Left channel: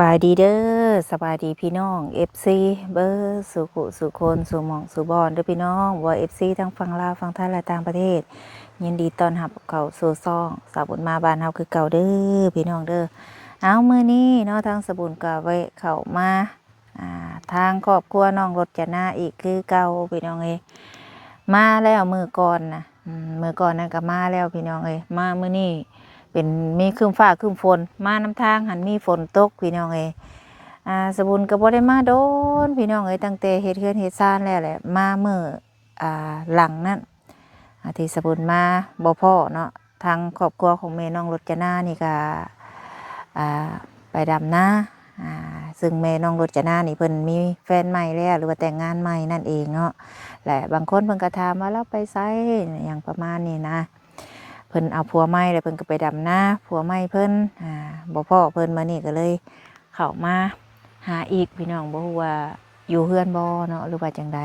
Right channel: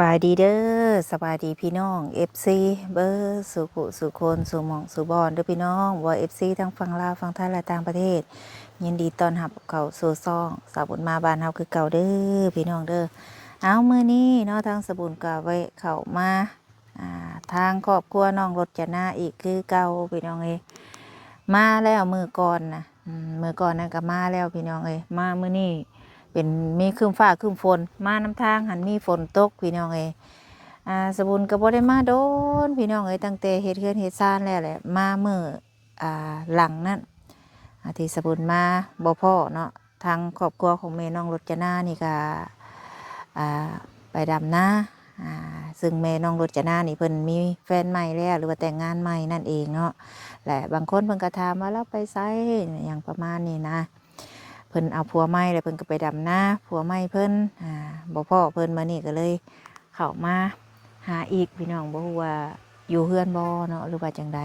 บายดีเด้อสบายดีพี่น้อง FC เบอร์สุขุสุคนสุหมองสุบอนเด้อพี่น้องว่า FC ทั้งฝั่งลาวฝั่งไทยและต่างประเทศยินดีต้อนรับเข้าสู่ซ่องสาวบุญมาบ้านเฮาคือเก่าเด้อพี่น้องเด้อเอามื้อนี้เนาะทางสาวบุญก็ไว้เข้ามาทางครอบครัวน้องรจนาอีกคือเก่าพี่น้องเอ้ยมาแล้วมื้อก่อนนะมื้อก่อนนั่นก็มาแล้วพี่น้องเอ้ยมามื้อนี้เป็นมีครึ้มฟ้าครึ้มฝนมาน้ำทางหันมีฝนตกพี่น้องเอ้ยสบุญก็บ่ได้มาโดนพี่น้องเอ้ยตั้งแต่เฮ็ดเฮือนเฮ็ดซ่านแล้วแหละมามื้อหลังนั้นที่สบุญมาบ่พ้อเนาะทางครอบครัวของแม่น้องรจนานี่ก็ไปดำนาซึ่งแม่น้องรจนานี่เพิ่นมีแฟนใหม่แล้วหรือว่าแต่งงานใหม่นั่นเองเนาะและบางคนเพิ่นก็ถามว่าแล้วไปไสอย่างประมาณนี้นะเพิ่นเอาผัวใหม่แล้วเพิ่นก็ไปดำนาผัวใหม่เพิ่นบ่พ้อเพิ่นมื้อนี้ก็เลยเข้ามาหาอีกพี่น้องบ่ฮู้ว่าอยู่เฮือนบ่เนาะหรือว่าจังใด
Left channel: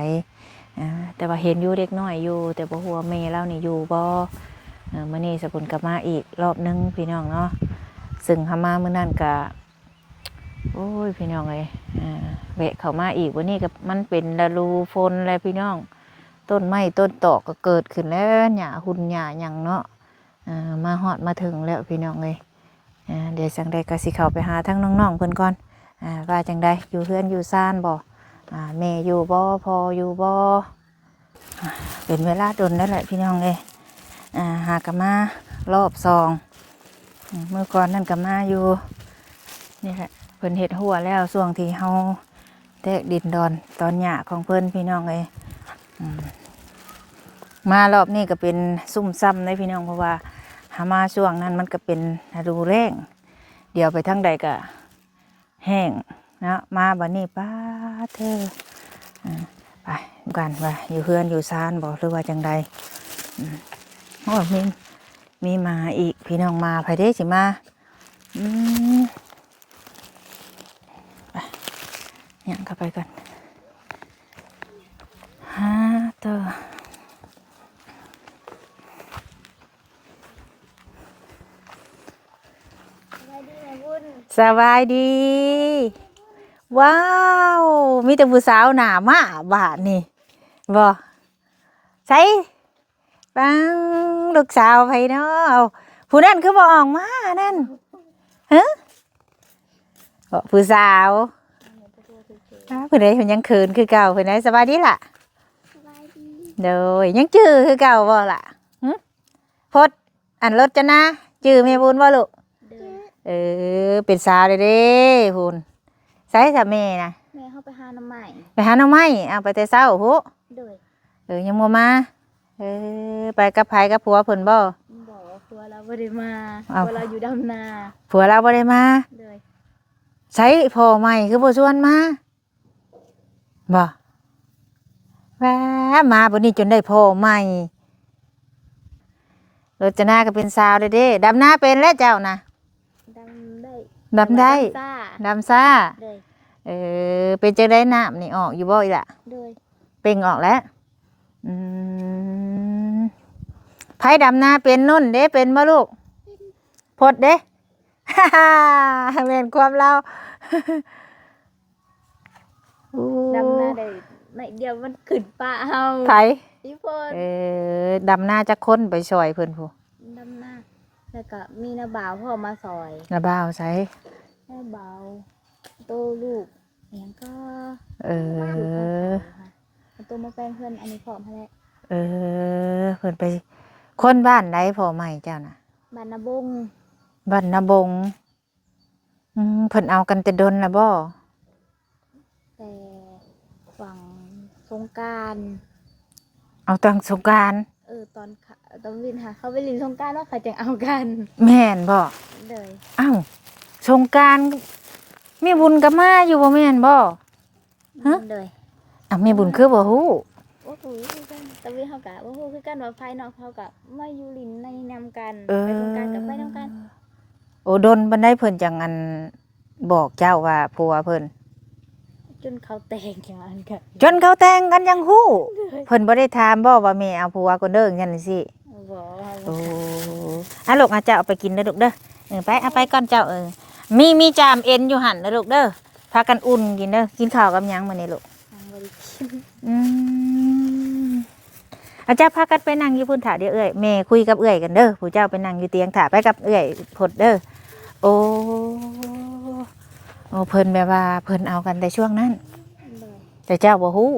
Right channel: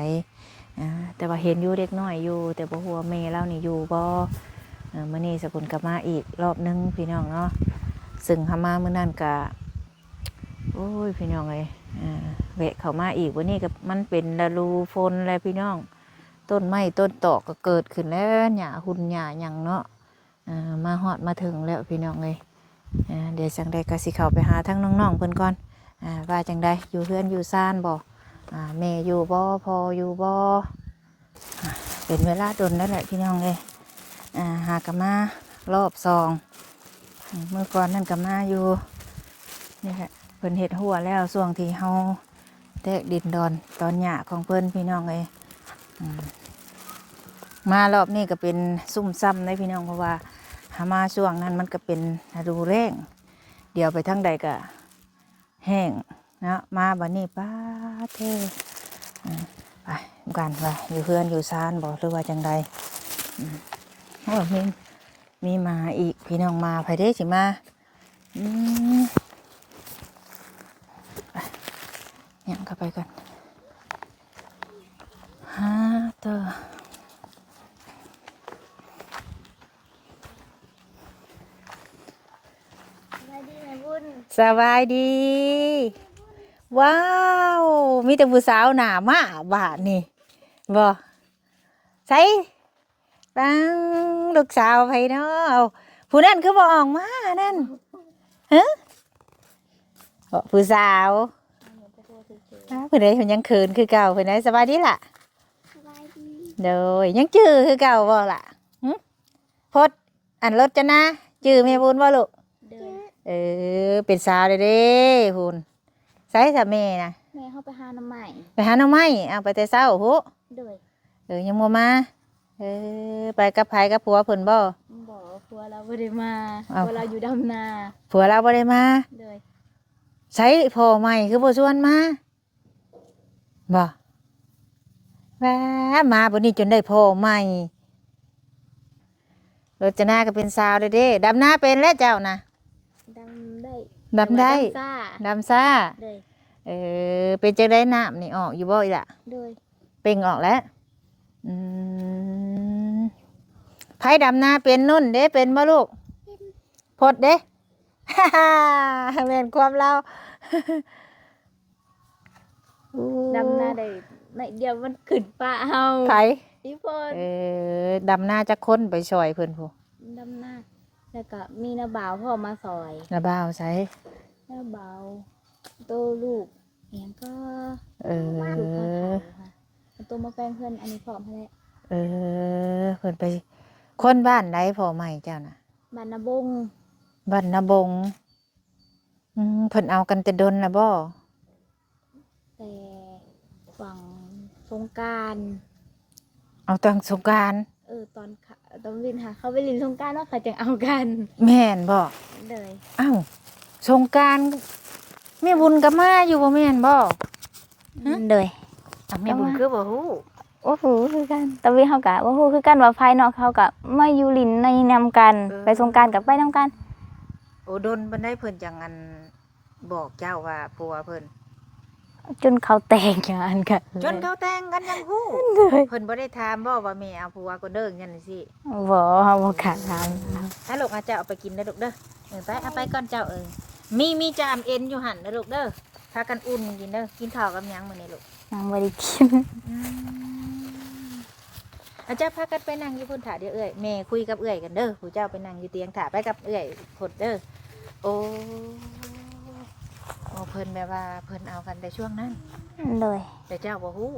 แต่ว่าเห็นอยู่เด็กน้อยอยู่แต่บ่ฮู้ว่าแม่เรานี่อยู่บ่มื้อนี้สกุลก็มาอีกรอบนึงพี่น้องเนาะซึ่งเฮามามื้อนั้นก็โอ้ยพี่น้องเอ้ยแวะเข้ามาอีกวันนี้ก็มันเป็นฤดูฝนแล้วพี่น้องต้นไม้ต้นตอกก็เกิดขึ้นแล้วหญ้าหุ่นหญ้าหยังเนาะมาฮอดมาถึงแล้วพี่น้องเอ้ยเดี๋ยวจังใดก็สิเข้าไปหาทั้งน้องๆเพิ่นก่อนว่าจังใดอยู่เฮือนอยู่ซ่านบ่แม่อยู่บ่พ่ออยู่บ่เป็นเวลาดนแล้วแหละพี่น้องเอ้ยหากะมารอบ2เมื่อก่อนนั่นก็มาอยู่นี่แหละเพิ่นเฮ็ดหัวแล้วช่วงที่เฮาแตกดินดอนตอนหญ้าของเพิ่นพี่น้องเอ้ยมารอบนี้ก็เป็นซุ่มซ้ำเลยพี่น้องเพราะว่าหามาช่วงนั้นมันก็เป็นฤดูแล้งเดี๋ยวไปทางใดก็แห้งนะมาบัดนี้ป้าเท่ไปกันว่าอยู่เพื่อนอยู่ซานบอกหรือว่าจังใดโอ้มีมาอีกพี่น้องมาภายเด้สิมาเนี่ยเข้าไปก่อนต่อสบายดีว้าวมีแต่ผู้สาวหน้ามาบ้านนี่บ่ใส่ปังลูกสาวไผเนาะผู้นั้นคือบ่ออกมานั่นฮะผู้สาวเพิ่นได้เพิ่นยังคืนคือเก่าเพิ่นได้สบายดีล่ะโดยยังจื้อคือเก่าบ่ล่ะพดอันรถจะนะจื้อแม่บุญบ่ลูกเป็นสาวเด้คุณใส่ถ้าแม่นะแม่เข้าไปหาน้ำใหม่ไปหาน้ำไม้เอาไปแต่เช้าพุโดยยังบ่มาไปกับไผกับผัวเพิ่นบ่ผัวเราบ่ได้มาผัวเราอยู่ดำนาผัวเราบ่ได้มาโดยใช้พ่อใหม่คือบ่ชวนมาบ่มาบัดนี้จนได้พ่อใหม่รจนาก็เป็นสาวเด้ดำนาเป็นแล้วเจ้านะดำได้ดำซ่าเป็นจังได๋น้ำนี่ออกอยู่บ่อีล่ะโดยเป่งออกแล้วไผดำนาเป็นนุ่นเด้เป็นบ่ลูกพดเด้ แม่นความเรา ดำนาได้ในเดียวมันขึ้นป่าเฮาไผพี่พรดำนาจะค้นไปซอยเพิ่นผู้ดำนาแล้วก็มีน้าบ่าวพ่อมาซอยน้าบ่าวใส่น้าบ่าวโตลูกอย่างก็ตัวมาแปลงเพื่อนอันนี้พร้อมแล้เพิ่นไปคนบ้านใดพ่อใหม่เจ้าน่ะบ้านนาบงบ้านนาบงเพิ่นเอากันแต่ดนน่ะบ่แต่ฝั่งสงกรานต์เอาตอนสงกรานต์ตอนวินค่ะเขาไปลินสงกรานต์ว่าเขาจะเอากันแม่นบ่เลยสงกรานต์แม่บุญก็มาอยู่บ่แม่นบ่เลยแม่บุญคือบ่ฮู้โอ้โหคือกันตะวิเขากะว่าฮู้คือกันว่าภายนอกเขากะมาอยู่ลินในนำกันไปสงกรานต์กับไปนำกันโอ้ดนบันไดเพิ่นจังอันบอกเจ้าว่าผัวเพิ่นจนเขาแต่งงานกันจนเขาแต่งกันยังฮู้เพิ่นบ่ได้ถามบ่ว่าแม่เอาผัวคนเด้อจังซี่สิบ่เฮาบ่คันถามลูกอาเจ้าเอาไปกินเด้อลูกเด้อไปเอาไปก่อนเจ้า มีจามเอ็นอยู่หั่นเด้อลูกเด้อพากันอุ่นกินเด้อกินข้าวกับหยังมื้อนี้ลูก ยังบ่ได้กิน อืมอาจารย์พากันไปนั่งอยู่พุ่นถาเดี๋ยวเอ้ยแม่คุยกับเอ้ยกันเด้อผู้เจ้าไปนั่งอยู่เตียงถาไปกับเอ้ยพดเด้อโอ้เพิ่นแบบว่าเพิ่นเอากันแต่ช่วงนั้น เลย แต่เจ้าบ่ฮู้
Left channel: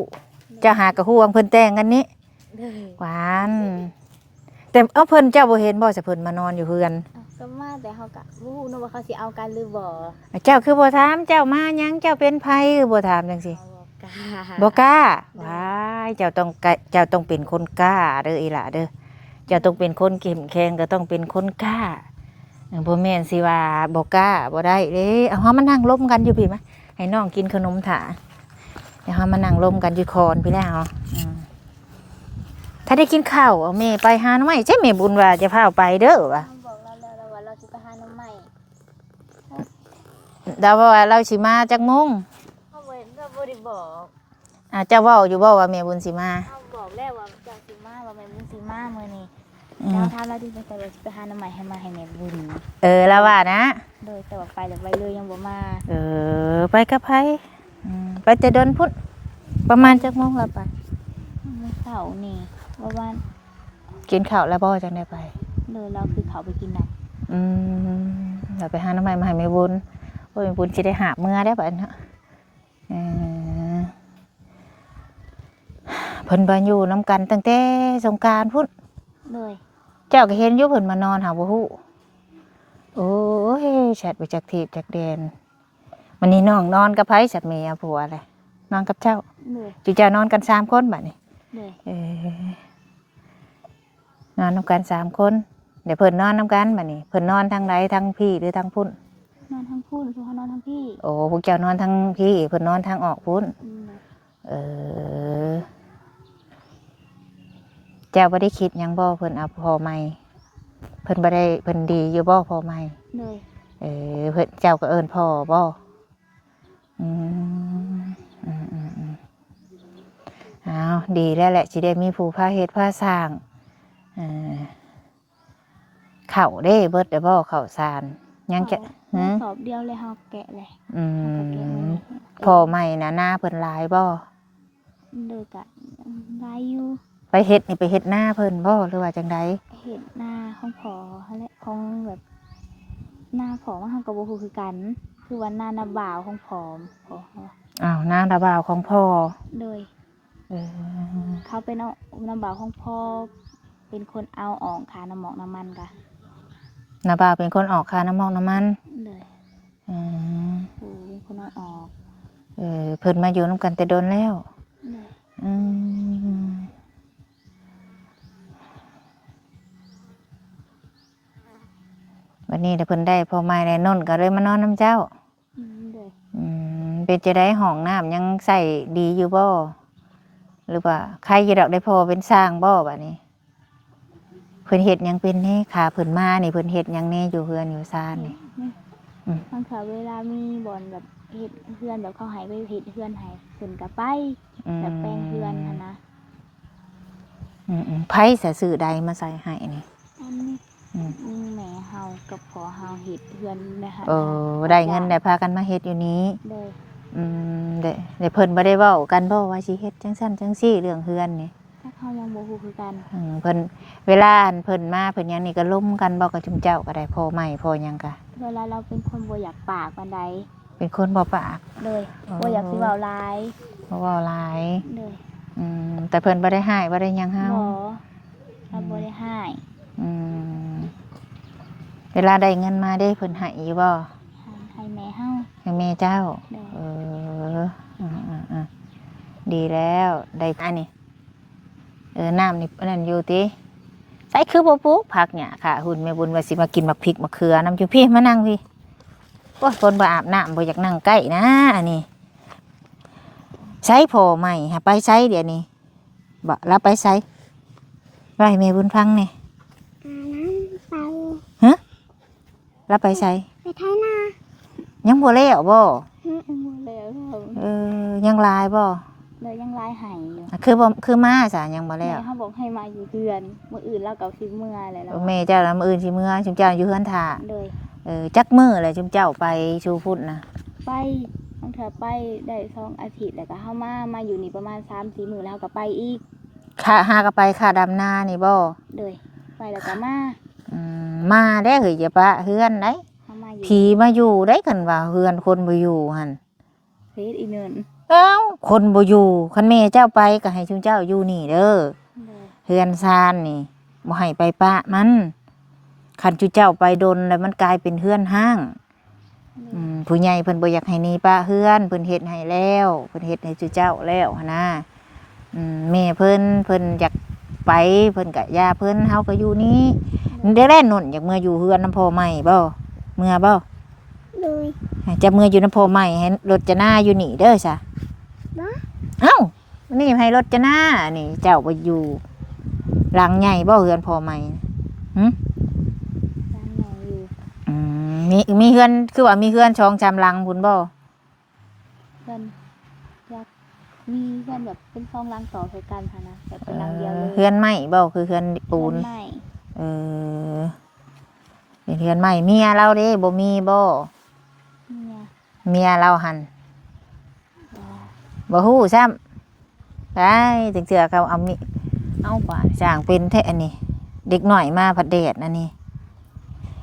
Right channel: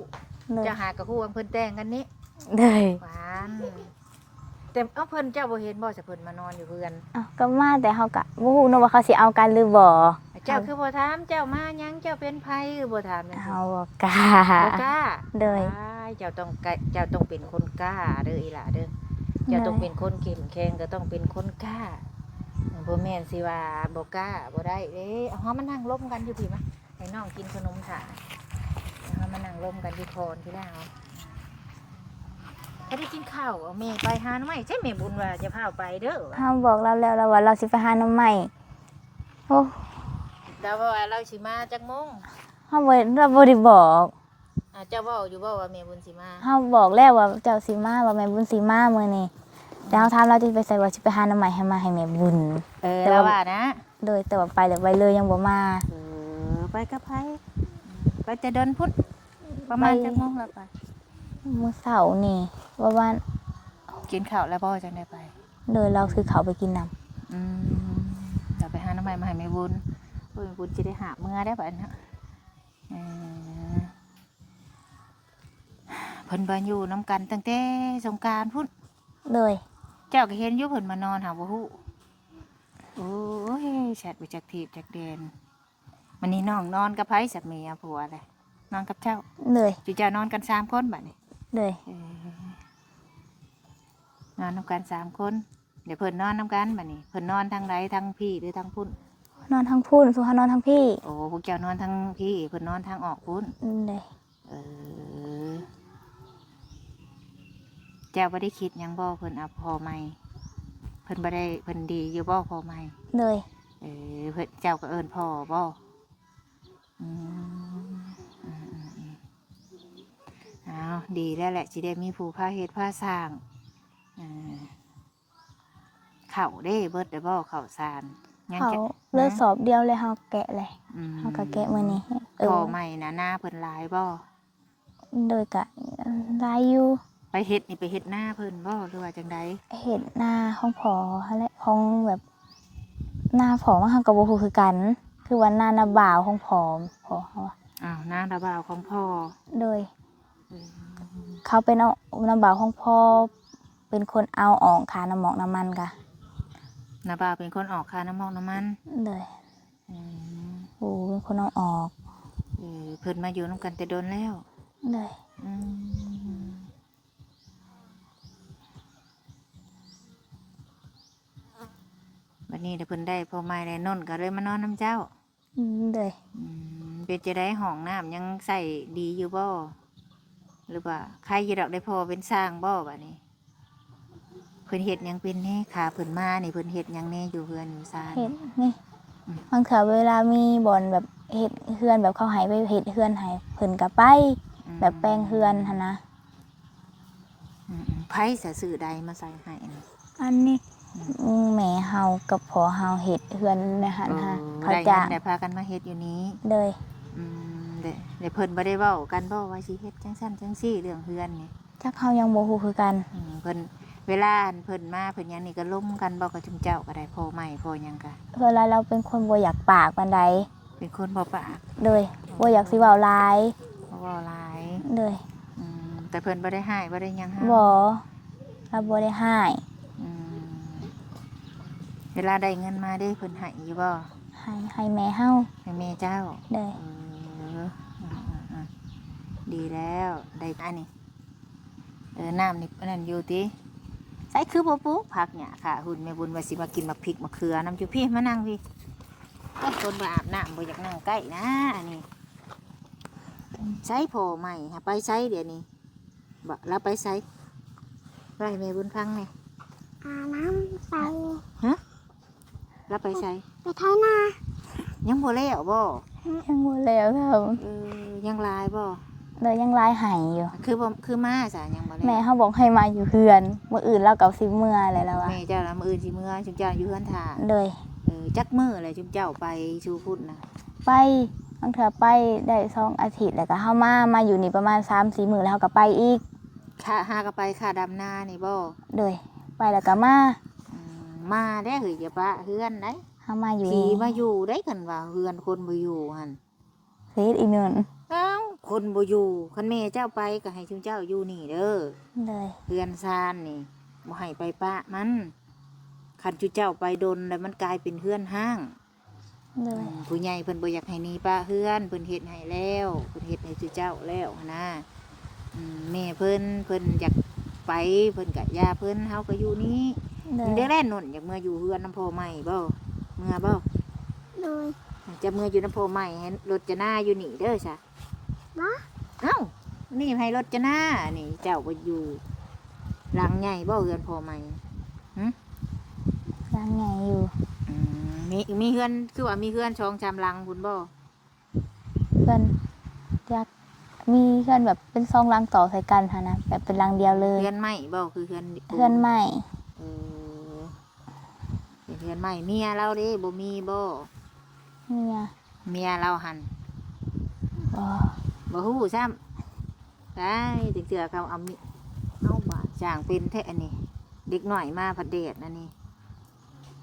เจ้าหากะฮู้ว่าเพิ่นแต่งกันนี้ เลย หวานแต่เพิ่นเจ้าบ่เห็นบ่สิเพิ่นมานอนอยู่เฮือน อ้าวก็มาแต่เขาก็บ่ฮู้เนาะว่าเขาสิเอากันหรือบ่ เจ้าคือบ่ถามเจ้ามาหยังเจ้าเป็นไผคือบ่ถามจังซี่ เขาบ่กล้า บ่กล้า เด้อ อ้ายเจ้าต้องเป็นคนกล้าเด้ออีหล่ะเด้อเจ้าต้องเป็นคนเข้มแข็งก็ต้องเป็นคนกล้าบ่แม่นสิว่าบ่กล้าบ่ได้เด้เอาเฮามานั่งร่วมกันอยู่พี่มะให้น้องกินขนมถาเดี๋ยวเฮามานั่งร่วมกันอยู่คอนพี่แล้วถ้าได้กินข้าวเอาแม่ไปหาหน่อไม้ใช่แม่บุญว่าจะพาไปเด้อวะ เขาบอกเราแล้วว่าเราสิไปหาหน้ำใหม่โอ้ ดาวว่าเราสิมาจักโมง เราบ่ได้บอก เจ้าเว้าอยู่บ่ว่าแม่บุญสิมา เขาบอกแล้วว่าเจ้าสิมาว่าแม่บุญสิมามื้อนี้แต่เขาถามเราจะไปใส่ว่าสิไปหาหน้ำใหม่ให้มาให้แม่บุญ แล้วว่านะ เลยแต่ว่าไปแล้วไปเลยยังบ่มา ไปกับไผไปแต่เดินพุ่นประมาณจักโมงละปะ เมื่อเสาร์นี่ว่าว่า กินข้าวแล้วบ่จังได้ไป เลยเราคือเขาไปกินน้ เราไปหาหน้ำไม้มาให้แม่บุญโอ้ยแม่บุญสิได้หาเมื่อได้บัดเนาะเพิ่นบ่อยู่นํกันตั้งแต่สงกรานต์พุ่น ำเลย เจ้าก็เห็นอยู่เพิ่นมานอนหาบ่ฮู้โอ้ยแชทไปจากทีบจากแดนวันนี้น้องนอนกับไผสัตว์เมียผัวเลยนอนกับเจ้า เลย จุเจ้านอนกัน3คนบัดนี้ เลย นอนนำกัน3คนเดี๋ยวเพิ่นนอนนำกันบัดนี้เพิ่นนอนทางใดทางพี่หรือทางพุ่น นอนทั้งพูนสุขานอนทั้งพี่ โอ้พวกเจ้านอนทางพี่เพิ่นนอนทางออกพุ่น เลย เออเจ้าบ่ได้คิดหยังบ่เพิ่นเอาพอใหม่เพิ่นบ่ได้เพิ่นดีอยู่บ่พอใหม่ เลย เพิ่นเจ้าก็เอิ้นพ่อบ่เอาดีแล้วแหละสิได้มีผู้พาเฮ็ดพาสร้างข้าวเด้เบิดได้บ่ข้าวสารยังจะ เลือสอบเดียวเลยเขาแกะเลยเขาก็แกะมื้อนี้ พ่อใหม่นะหน้าเพิ่นหลายบ่ โดยกะลายอยู่ ไปเฮ็ดนี่ไปเฮ็ดหน้าเพิ่นบ่หรือว่าจังได เห็ดหน้าของพอและของแบบหน้าผอมันกับบ่ฮู้คือกัน คือว่าหน้านาบ่าวของพอเขา อ้าวหน้าระบ่าวของพ่อ โดยเขาเป็นเอานาบ่าวของพ่อเป็นคนเอาออกค่าน้ำหมอกน้ำมันกะ น้าบ่าวเป็นคนออกค่าน้ำมอกน้ำมัน เลยโอ้เป็นคนเอาออก เพิ่นมาอยู่นำกันแต่โดนแล้ว เลย วันนี้ถ้าเพิ่นได้พ่อใหม่ได้นนก็เลยมานอนน้ำเจ้า เลย เป็นจะได้ห้องน้ำยังใส่ดีอยู่บ่หรือว่าใครจะดอกได้พอเป็นสร้างบ่บัดนี้เพิ่นเฮ็ดหยังเป็นนี่ขาเพิ่นมานี่เพิ่นเฮ็ดหยังแน่อยู่เฮือนอยู่ซ่าน เห็ นี่ ดนี่บางเถื่อเวลามีบ่อนแบบเห็ดเฮือนแบบเขาใหายไปเห็ดเฮือนใหายเพิ่นกับไปแบบแปลงเฮือนหั่นนะ ไผสิซื้อใดมาใส่ให้นี่ อันนี้แม่เฮากับพ่อเฮาเห็ดเฮือนนะคะ ได้เงินได้พากันมาเฮ็ดอยู่นี้ เลย เดี๋ยวเพิ่นบ่ได้เว้ากันบ่ว่าสิเฮ็ดจังซั่นจังซี่เรื่องเฮือนนี่ จักเฮายังบ่ฮู้คือกัน เพิ่นเวลาอันเพิ่นมาเพิ่นหยังนี่ก็ล้มกันบ่กับจุมเจ้าก็ได้พ่อใหม่พ่อหยังก็ เวลาเราเป็นคนบ่อยากปากปานใด เป็นคนบ่ปาก เลยบ่อยากสิเว้าหลาย บ่เว้าหลาย เลย แต่เพิ่นบ่ได้ให้บ่ได้หยังให้ บ่เราบ่ได้ให้ เวลาได้เงินมาได้เพิ่นให้อยู่บ่ ให้แม่เฮา ให้แม่เจ้า ได้ ดีแล้วได้อันนี้น้ำนี่นั่นอยู่ติใส่คือบ่ปลูกผักเนี่ยค่ะหุ่นแม่บุญว่าสิมากินบักพริกมะเขือน้ำอยู่พี่มานั่งพี่โอ้ยคนบ่อาบน้ำบ่อยากนั่งใกล้นะอันนี้ใช้พอใหม่หาไปใช้เดี๋ยวนี้บ่รับไปใช้ไว้แม่บุญฟังนี่ น้ำไป รับไปใช้ ไปไทยนา ยังบ่แล้วบ่ ยังบ่แล้วครับ ยังลายบ่ เลยยังลายให้อยู่ คือมาซะยังบ่แล้ แม่ ว เฮาบอกให้มาอยู่เฮือนมื้ออื่นเราก็สิเมื่อแล้ว แม่เจ้าละมื้ออื่นสิเมื่อชุมเจ้าอยู่เฮือนท่า เลย จักมื้อเลยจุมเจ้าไปชูพุ่นนะ ไปบางเทื่อไปได้2 อาทิตย์แล้วก็เฮามาอยู่นี่ประมาณ 3-4 มื้อแล้วเฮาก็ไปอีก ค่าหาก็ไปค่าดำนานี่บ่ โดยไปแล้วก็มา มาได้เฮ้ยอย่าปะเฮือนได้ เฮามาอยู่ ผีมาอยู่ได้กันว่าเฮือนคนบ่อยู่หั่น เฮ็ดอีกเนิน เอ้าคนบ่อยู่คันแม่เจ้าไปก็ให้จุมเจ้าอยู่นี่เด้อ เลย เฮือนซานนี่บ่ให้ไปปะมันคันจุเจ้าไปดนแล้วมันกลายเป็นเฮือนห้าง เลย ผู้ใหญ่เพิ่นบ่อยากให้หนีป้าเฮือนเพิ่นเฮ็ดให้แล้วเพิ่นเฮ็ดให้จุเจ้าแล้วหั้นนะแม่เพิ่นอยากไปเพิ่นก็ย่าเพิ่นเฮาก็อยู่นี้เดี๋ยวแล่นนุ่นอยากเมื่ออยู่เฮือนน้ำพ่อใหม่บ่เมื่อบ่ โดย จะเมื่ออยู่น้ำพ่อใหม่ให้รถจะหน้าอยู่นี่เด้อซะ บ่ เอ้านี่ให้รถจะหน้านี่เจ้าบ่อยู่หลังใหญ่บ่เฮือนพ่อใหม่หึ สร้างไงอยู่ มีเฮือนคือว่ามีเฮือน2-3หลังพุ่นบ่ เพื่อนอยากมีเพื่อนแบบเป็น2 ลังต่อใส่กันค่ะนะแบบเป็นลังเดียวเลย เฮือนไม้บ่คือเฮือนปู เพื่อน น ใหม่ เออเป็นเฮือนใหม่เมียเราเด้บ่มีบ่ เนี่ย เมียเราหัน อ๋อ บ่ฮู้ซ้ำไปจังเทื่อเขาเอามิเอาบาดสร้างเป็นแท้อันนี้ เด็กหน่อยมาผัดแดดอันนี้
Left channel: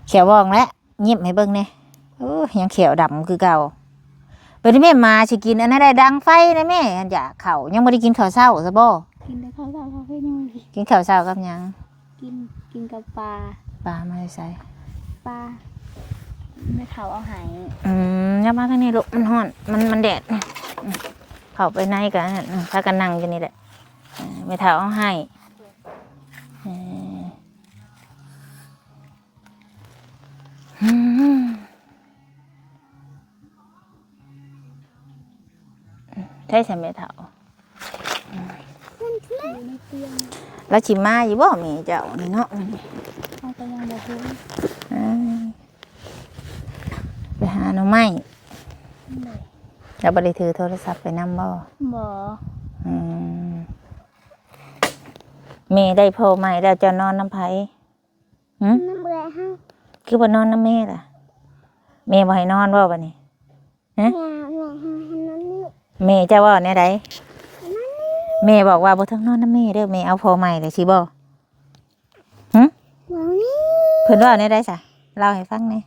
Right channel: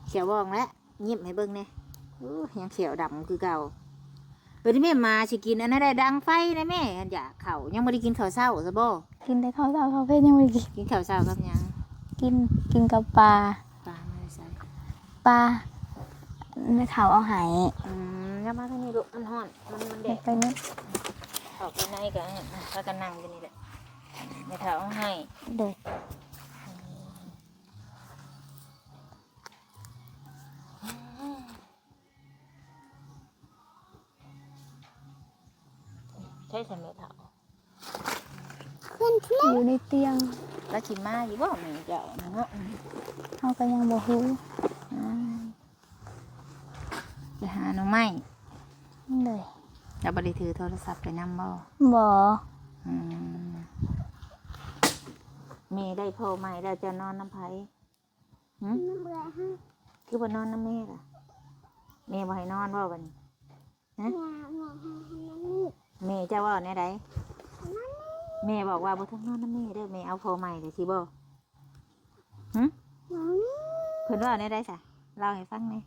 เขียวว่องแล้วยิ้มให้เบิ่งแหน่ยังเขียวดำคือเก่าเป็นแม่มาสิกินอันนั้นได้ดังไฟนะแม่อันอยากข้าวยังบ่ได้กินข้าวเช้าซะบ่ กินได้ข้าวเช้าข้าวเพลยังไม่กิน กินข้าวเช้ากับหยัง กินกับปลา ปลามาใส่ ปลาไม่เขาเอาใหาย อย่ามาทางนี้ลูกมันร้อนมันแดดเข้าไปในกันพากันนั่งอยู่นี่แหละไม่เท่าเอาให้ เด็ก ใช่ใช่ไม่เท่า อยู่ในเตียง แล้วชิมมาอยู่บ่มีเจ้านี่เนาะ เขาก็ยังบอกรู้ ไปหาหน่อไม้ เด็ก แล้วบ่ได้ถือโทรศัพท์ไปนำบ่ บอ แม่ได้โพใหม่แล้วจะนอนน้ำไผ น้ำเบื่อให้ คือบ่นอนน้ำแม่ล่ะแม่บ่ให้นอนบ่บัดนี้ แม่ให้นั่นนี่ แม่จะว่าแนวใดแม่บอกว่าบ่ต้องนอนน้ำแม่เด้อแม่เอาโพใหม่เลยสิบ่ บ่นี่ เพิ่นว่าแนวใดซะเล่าให้ฟังแหน่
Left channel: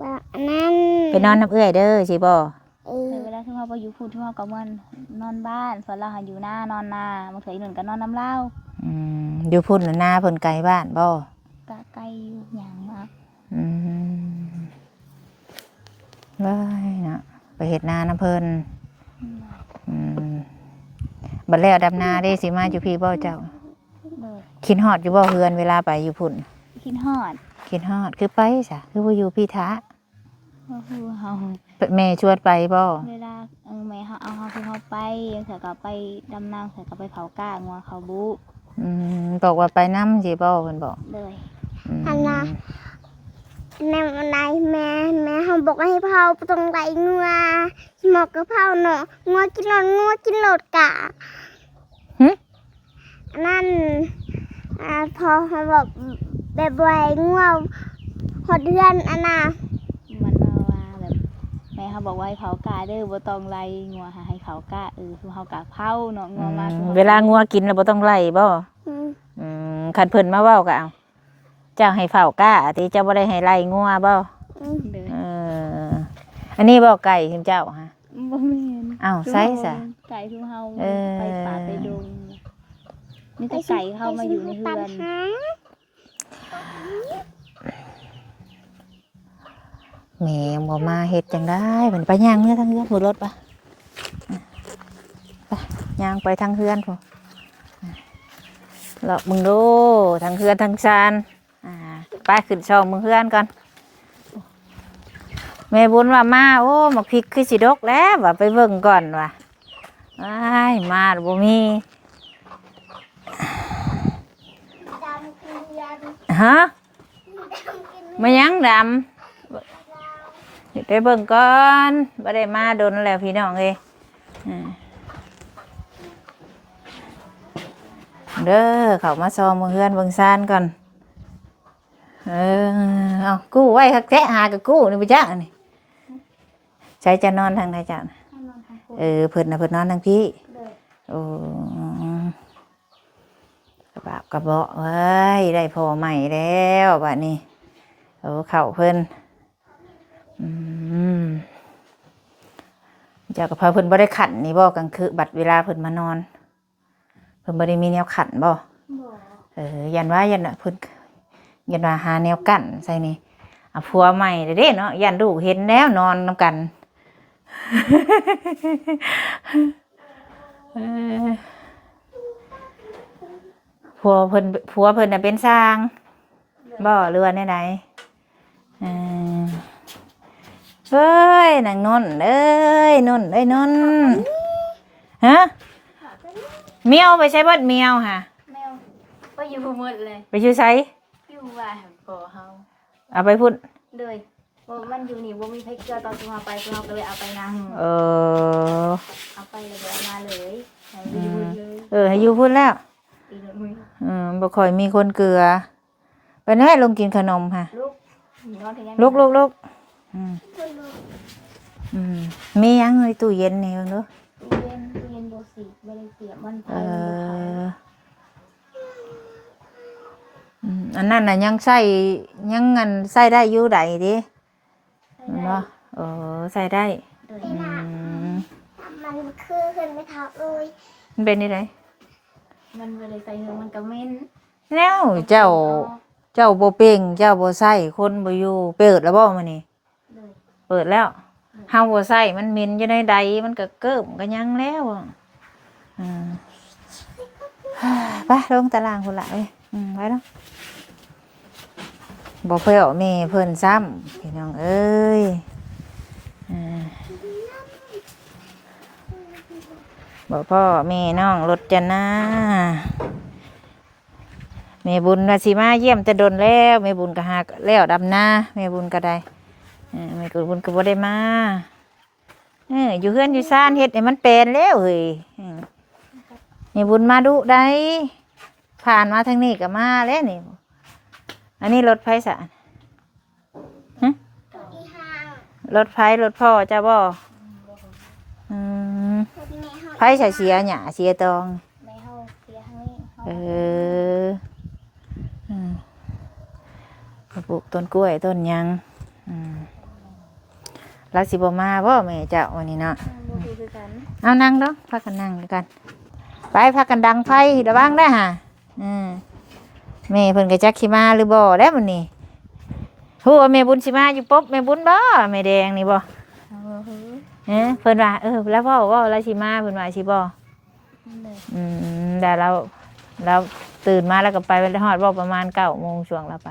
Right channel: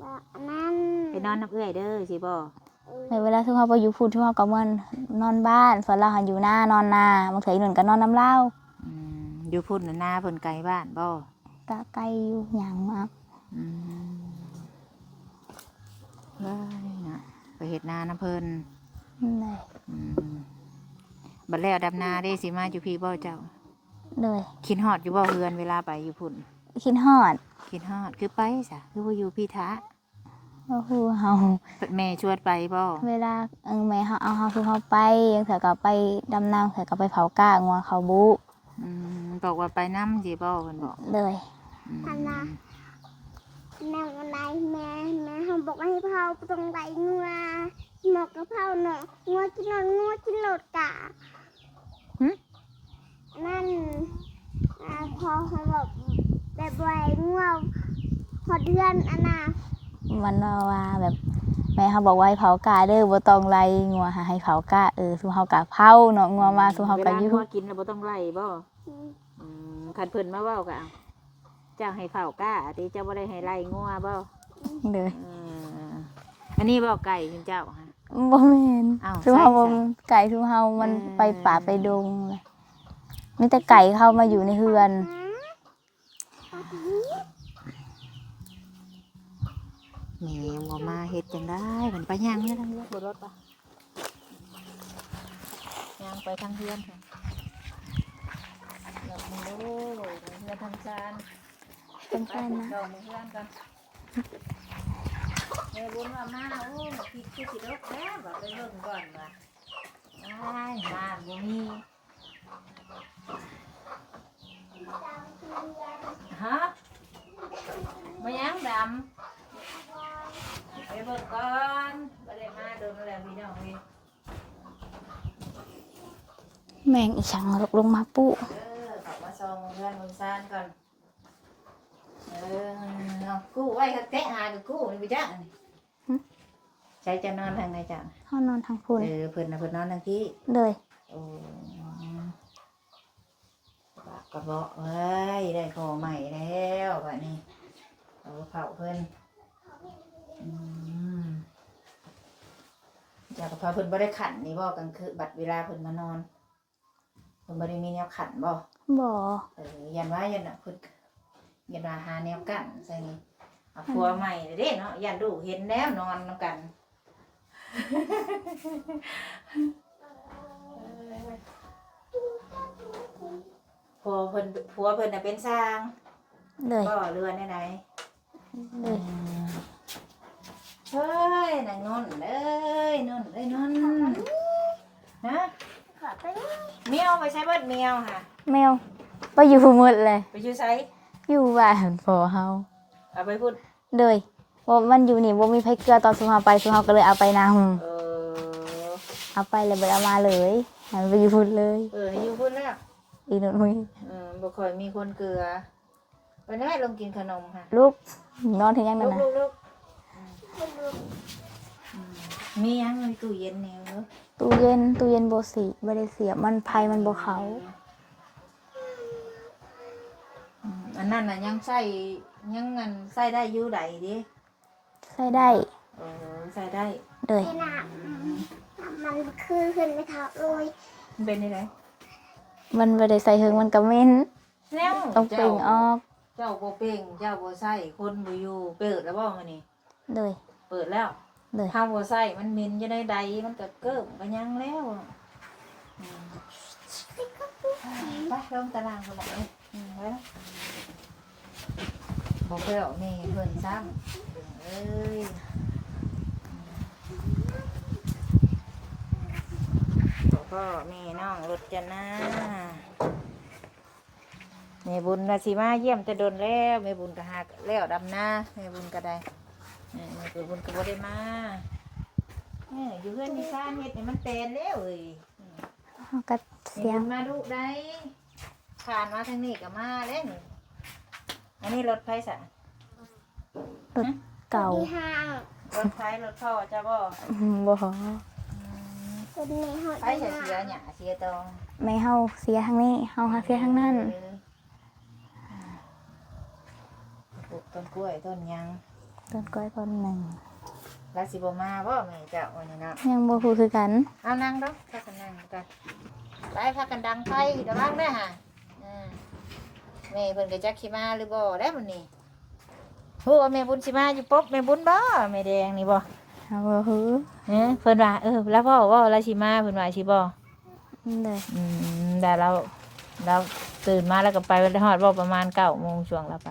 บ่นั่น ไปนอนน้ำเอื้อยเด้อสิบ่ ในเวลาที่เขาไปอยู่พูดที่เขาก็มันนอนบ้านส่วนเราหันอยู่หน้านอนนาบางเถยหนึ่งก็นอนน้ำเหล้า อยู่พุ่นน่ะนาเพิ่นไกลบ้านบ่ กะไกลอยู่อย่างมาก เลยนะไปเฮ็ดนาน้ำเพิ่น เลย บัดแล้วดำนาได้สิมาอยู่พี่บ่เจ้า เลย คิดฮอดอยู่บ่เฮือนเวลาไปอยู่พุ่น คิดฮอด คิดฮอดคือไปซะคือบ่อยู่พี่ท้า ก็คือเฮา แม่ชวนไปบ่ เวลาแม่เขาเอาเฮาคือเขาไปเถอะก็ไปดำน้ำเถอะก็ไปเผากล้างัวเขาบุ บอกว่าไปนำสิบ่เพิ่นบอก เลย อันน่ะแม่อะไรแม่เขาบอกให้เผาตรงไหนงัวหมอกกระเพราเนาะงัวกินโหลดกะนั่นพอเขาบอกแบบไว้งัวพอเดือนอันน่ะ มันว่าแบบแม่เขาบอกว่าให้เผากล้าเด้อบ่ต้องไล่งัวหาให้เผากล้าสู้เฮากะเผาเนาะงัวมาสู้เฮา เวลางัวกินแล้วบ่ต้องไล่บ่ คันเพิ่นมาเว้าก็เอาเจ้าให้เฝ้ากล้าติเจ้าบ่ได้ให้ไล่งัวบ่ เด้อ อันนี้บ่ไก่คุณเจ้าฮะ บ่แม่น อ้าว สู้ ใส่ เฮา ซะ ไก่สู้เฮามันไปป่าไปดงมีแต่ไก่เข้ามาอยู่ในเฮือน แม่บ่มาเฮ็ดจังได้เพิ่นไปย่างเมื่อทางเฮือนบ่รถปะไปย่างไปทางเฮือนพุ่นเลาะมึงดูทางเฮือนทางซานไปขึ้นช่องมึงเฮือนก่อนแม่บุญว่ามาโอ้หมักพริกคือสิดกแล้วว่าไปเบิ่งก่อนว่ะอ้ายมาแล้วบ่มีฮะมายังดำไปเบิ่งก่อนบ่ได้มาโดนแล้วพี่น้องเอ้ย แมงอีช่างลงมาปุ๊ เด้อเขามาซอมเมืองเฮือนเบิ่งซ่านก่อน เออเอากู้ไว้คักแท้หากับกู้นี่ไปจ้านี่ใช้จะนอนทางไหนจ้า ห้องนอนทางคุณ เพิ่นเพิ่นนอนทางพี่ เลย โอ้กระบะกระเบาะเว้ยได้พอใหม่แล้วบัดนี้โอ้เข่าเพิ่นจากกับพาเพิ่นบ่ได้ขันนี่บ่กลางคืนบัดเวลาเพิ่นมานอนเพิ่นบ่ได้มีแนวขันบ่ บ่ ยันว่ายันน่ะเพิ่นยันว่าหาแนวกั้นใส่นี่เอาผัวใหม่เด้เนาะยันลูกเห็นแล้วนอนนำกันผัวเพิ่นน่ะเป็นสร้าง เลย บ่เรือไหนเอ้ยนางนนท์เอ้ยนนท์ฮะเมียวไปใช้เบิดเมียวค่ะ แมวไปอยู่หมดเลย ไปอยู่ไส อยู่บ้านพอเฮา เอาไปพุ่น เลยว่ามันอยู่นี่บ่มีไผเกลือตอนสุเฮาไปสุเฮาก็เลยเอาไปนำ เอาไปเลยบ่เอามาเลยให้ไปอยู่พุ่นเลย ให้อยู่พุ่นแล้ว อีโนนมือ บ่ค่อยมีคนเกลือไปแน่ลงกินขนมค่ะ ลูกนอนถึงยัง ลูกมียังในตู้เย็นนี่เนาะ ตู้เย็นบ่สิบ่ได้เสียบมันไผมันบ่เข้า อันนั้นน่ะยังใส่ยังงันใส่ได้อยู่ใดดิ ใส่ได้ ใส่ได้ เลย มันคือขึ้นไม่เท่าเลย มันเป็นนี่ได มันบ่ได้ใส่เฮิงมันก็เหม็น แล้ว ต้อง เจ้า ปลี่ยนออก เจ้าบ่เป่งเจ้าบ่ใส่คนบ่อยู่เปิดแล้วบ่มื้อนี้ เลย เปิดแล้ว เลย เฮาบ่ใส่มันเหม็นอยู่ในใดมันก็เกิ้มก็ยังแล้วอ่ะไปลงตารางพุ่นล่ะเอ้ยไปเนาะบ่เพิ่นเอาแม่เพิ่นซ้ำพี่น้องเอ้ยบ่พ่อแม่น้องรถจะนาแม่บุญว่าสิมาเยี่ยมแต่ดนแล้วแม่บุญก็หาแล้วดำนาแม่บุญก็ได้แม่บุญก็บ่ได้มาอยู่เฮือนอยู่ซ่านเฮ็ดให้มันเป็นแล้วเฮ้ย มันก็ แม่บุญมาดุได้ผ่านมาทางนี้ก็มาแล้วนี่อันนี้รถไฟสะ เก่า ที่ห้าง รถไฟรถพ่อจ้าบ่ บ่ คนในห้อง ไฟใส่เสียหยาเสียตอง ไม่เฮาเสียทางนี้เฮามาเสียทางนั้น ปลูกต้นกล้วยต้นยัง แล้วก็คนหนึง รักสิบ่มาบ่แม่เจ้าวันนี้เนาะ ยังบ่ฮู้คือกัน เอานั่งเนาะพักกันนั่งกันไปพักกันดังไฟระวังได้อห่ะแม่เพิ่นก็จักสิมาหรือบ่แล้วมื้อนี้ฮู้ว่าแม่บุญสิมาอยู่ปุ๊บแม่บุญบ่แม่แดงนี่บ่ เฮาบ่ฮู้ เพิ่นว่าแล้วพ่อว่าแล้วสิมาเพิ่นว่าสิบ่ เลย แต่เราตื่นมาแล้วก็ไปวันฮอดบ่ประมาณ9 โมงช่วงเราไป